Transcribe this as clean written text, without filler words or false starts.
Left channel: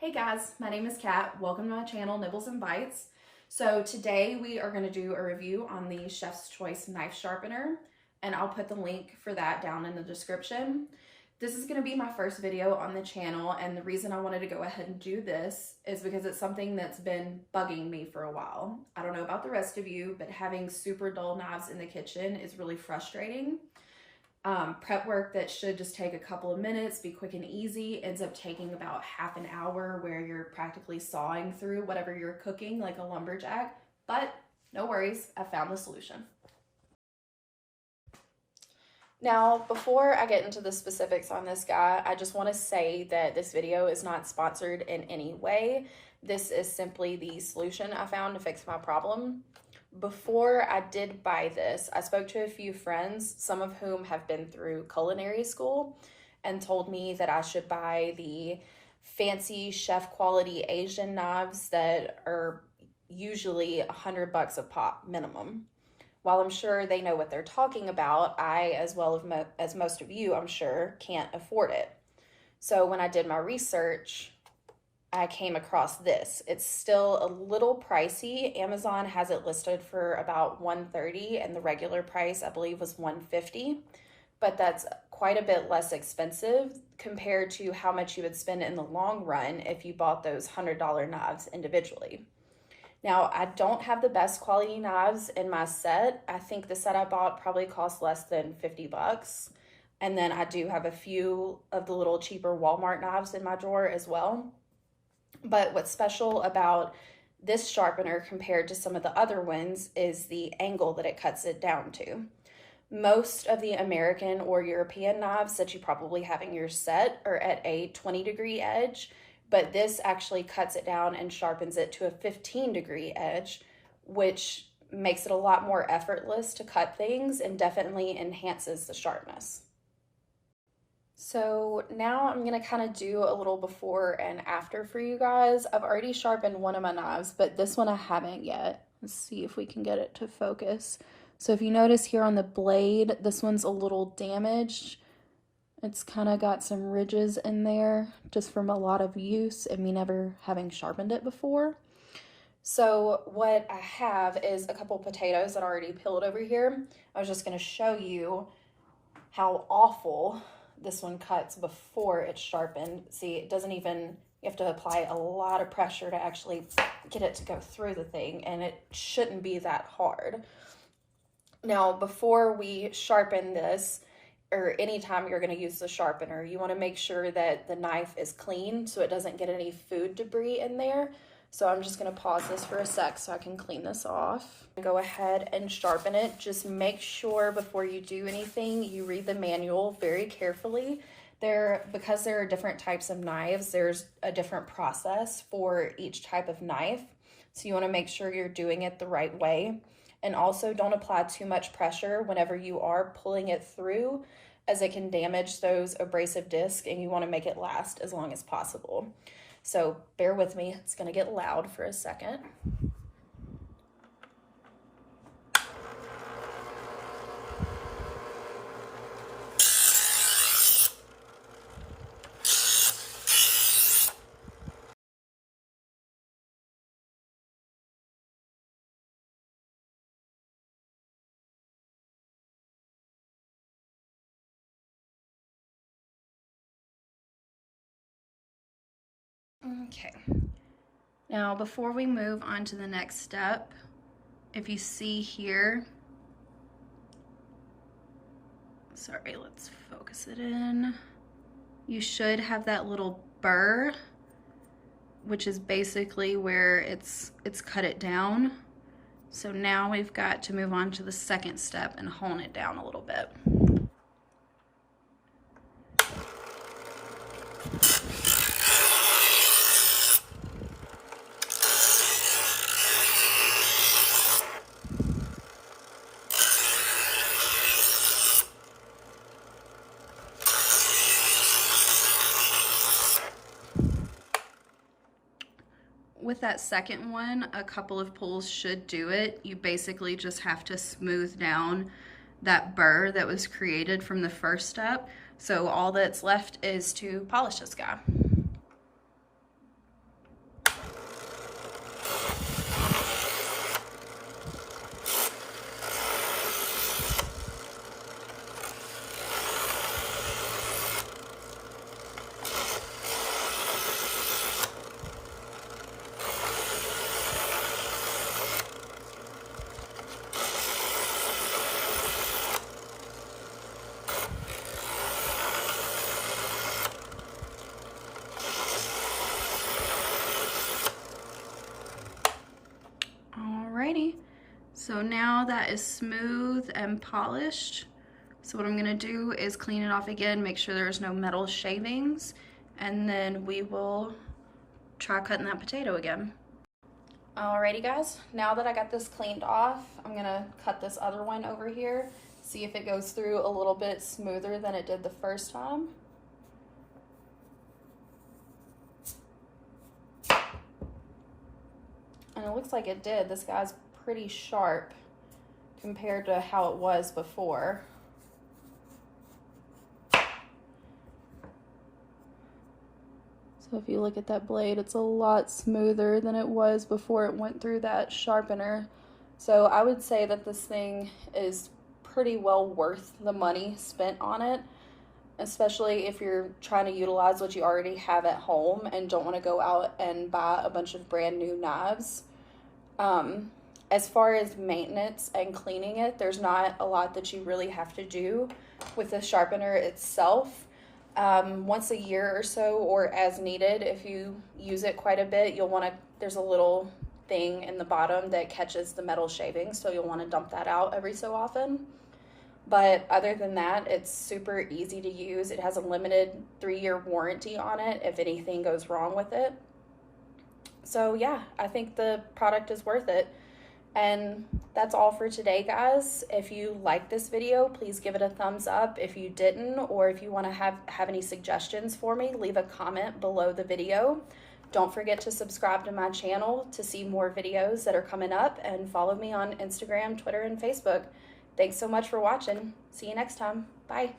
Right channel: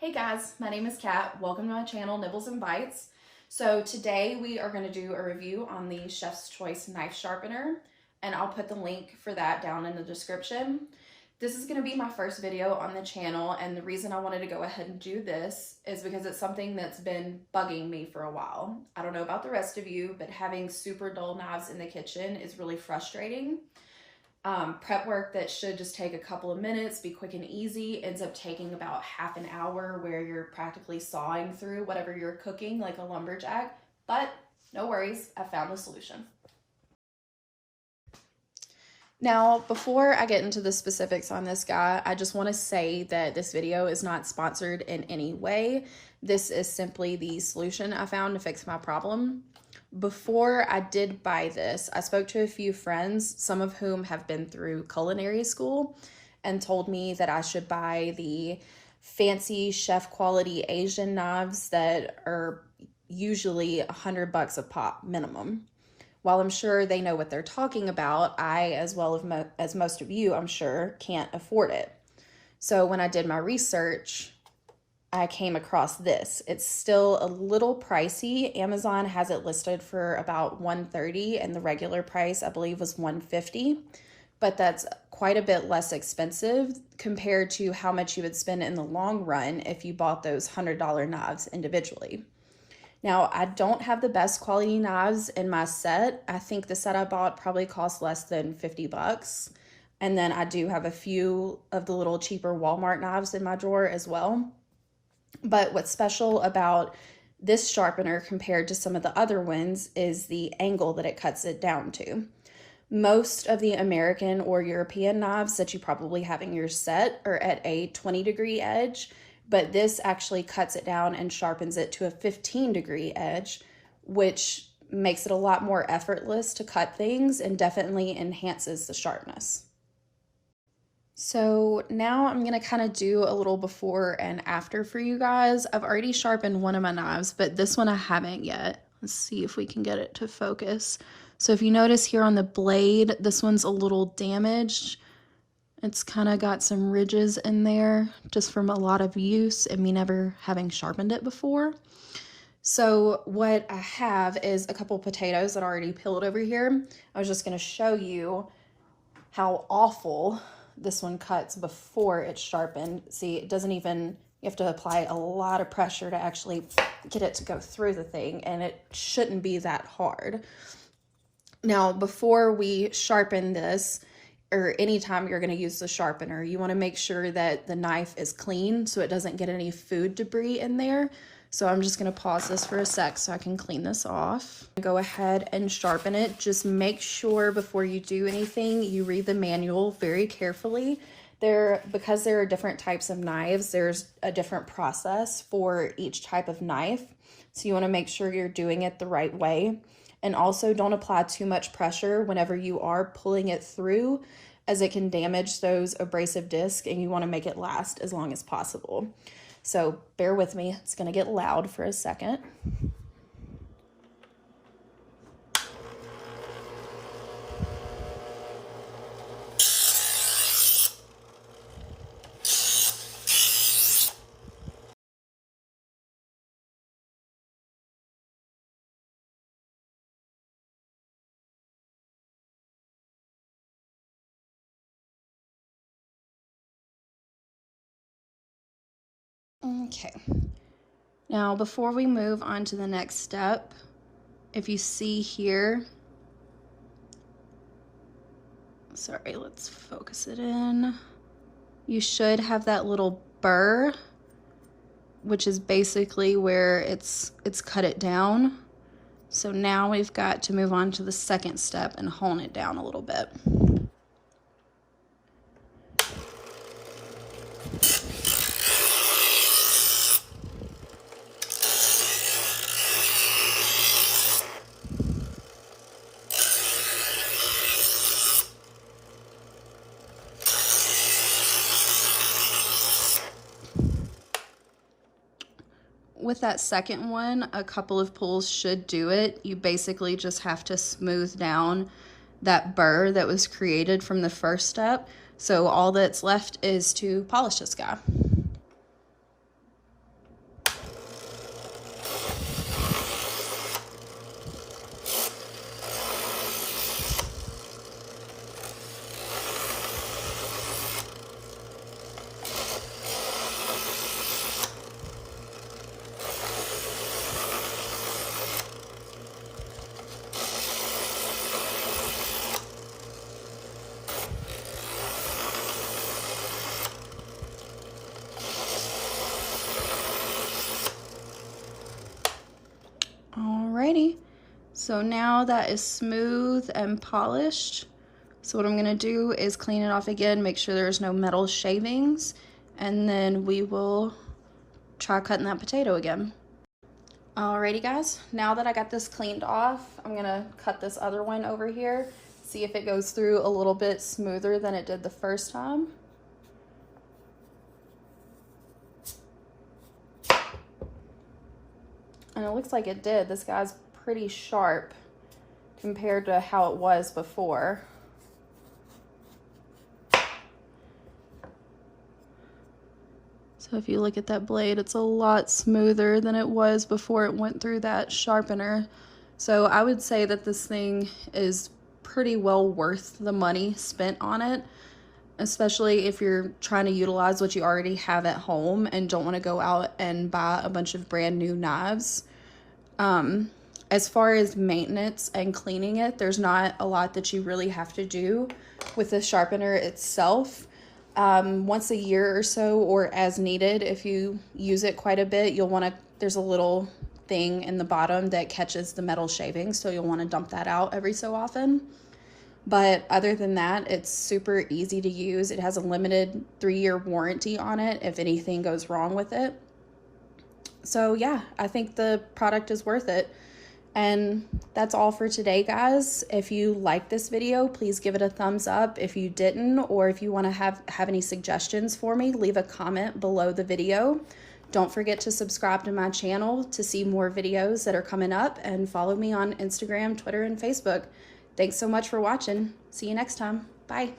Hey guys, my name is Kat. Welcome to my channel, Nibbles and Bites. So today we are going to do a review on the Chef's Choice knife sharpener, and I'll put the link for that down in the description. This is going to be my first video on the channel, and the reason I wanted to go ahead and do this is because it's something that's been bugging me for a while. I don't know about the rest of you, but having super dull knives in the kitchen is really frustrating. Prep work that should just take a couple of minutes, be quick and easy, ends up taking about half an hour where you're practically sawing through whatever you're cooking like a lumberjack. But no worries, I found the solution. Now, before I get into the specifics on this guy, I just want to say that this video is not sponsored in any way. This is simply the solution I found to fix my problem. Before I did buy this, I spoke to a few friends, some of whom have been through culinary school, and told me that I should buy the fancy chef quality Asian knives that are usually $100 a pop minimum. While I'm sure they know what they're talking about, I, as well as most of you, I'm sure, can't afford it. So when I did my research, I came across this. It's still a little pricey. Amazon has it listed for about $130, and the regular price, I believe, was $150. But that's quite a bit less expensive compared to how much you would spend in the long run if you bought those $100 knives individually. Now, I don't have the best quality knives in my set. I think the set I bought probably cost less than $50. And then I do have a few of the little cheaper Walmart knives in my drawer as well. But what's special about this sharpener compared to some of the other ones is the angle that it cuts it down to. Most of the American or European knives that you probably have in your set are at a 20-degree edge, but this actually cuts it down and sharpens it to a 15-degree edge, which makes it a lot more effortless to cut things and definitely enhances the sharpness. So now I'm gonna kind of do a little before and after for you guys. I've already sharpened one of my knives, but this one I haven't yet. Let's see if we can get it to focus. So if you notice here on the blade, this one's a little damaged. It's kind of got some ridges in there just from a lot of use and me never having sharpened it before. So what I have is a couple potatoes that are already peeled over here. I was just gonna show you how awful this one cuts before it's sharpened. See, it doesn't even, you have to apply a lot of pressure to actually get it to go through the thing, and it shouldn't be that hard. Now, before we sharpen this, or anytime you're going to use the sharpener, you want to make sure that the knife is clean so it doesn't get any food debris in there. So I'm just going to pause this for a sec so I can clean this off. Go ahead and sharpen it. Just make sure before you do anything, you read the manual very carefully. Because there are different types of knives, there's a different process for each type of knife. So you want to make sure you're doing it the right way. And also don't apply too much pressure whenever you are pulling it through, as it can damage those abrasive discs, and you want to make it last as long as possible. So bear with me, it's gonna get loud for a second. Okay, now before we move on to the next step, if you see here, sorry, let's focus it in. You should have that little burr, which is basically where it's cut it down. So now we've got to move on to the second step and hone it down a little bit. With that second one, a couple of pulls should do it. You basically just have to smooth down that burr that was created from the first step. So all that's left is to polish this guy. So now that is smooth and polished. So what I'm gonna do is clean it off again, make sure there's no metal shavings, and then we will try cutting that potato again. Alrighty guys, now that I got this cleaned off, I'm gonna cut this other one over here, see if it goes through a little bit smoother than it did the first time. And it looks like it did. This guy's pretty sharp compared to how it was before. So if you look at that blade, it's a lot smoother than it was before it went through that sharpener. So I would say that this thing is pretty well worth the money spent on it, especially if you're trying to utilize what you already have at home and don't want to go out and buy a bunch of brand new knives. As far as maintenance and cleaning it, there's not a lot that you really have to do with the sharpener itself. Once a year or so, or as needed, if you use it quite a bit, you'll want to, there's a little thing in the bottom that catches the metal shavings, so you'll want to dump that out every so often. But other than that, it's super easy to use. It has a limited 3-year warranty on it if anything goes wrong with it. So yeah, I think the product is worth it. And that's all for today, guys. If you like this video, please give it a thumbs up. If you didn't, or if you want to have any suggestions for me, leave a comment below the video. Don't forget to subscribe to my channel to see more videos that are coming up, and follow me on Instagram, Twitter, and Facebook. Thanks so much for watching. See you next time. Bye.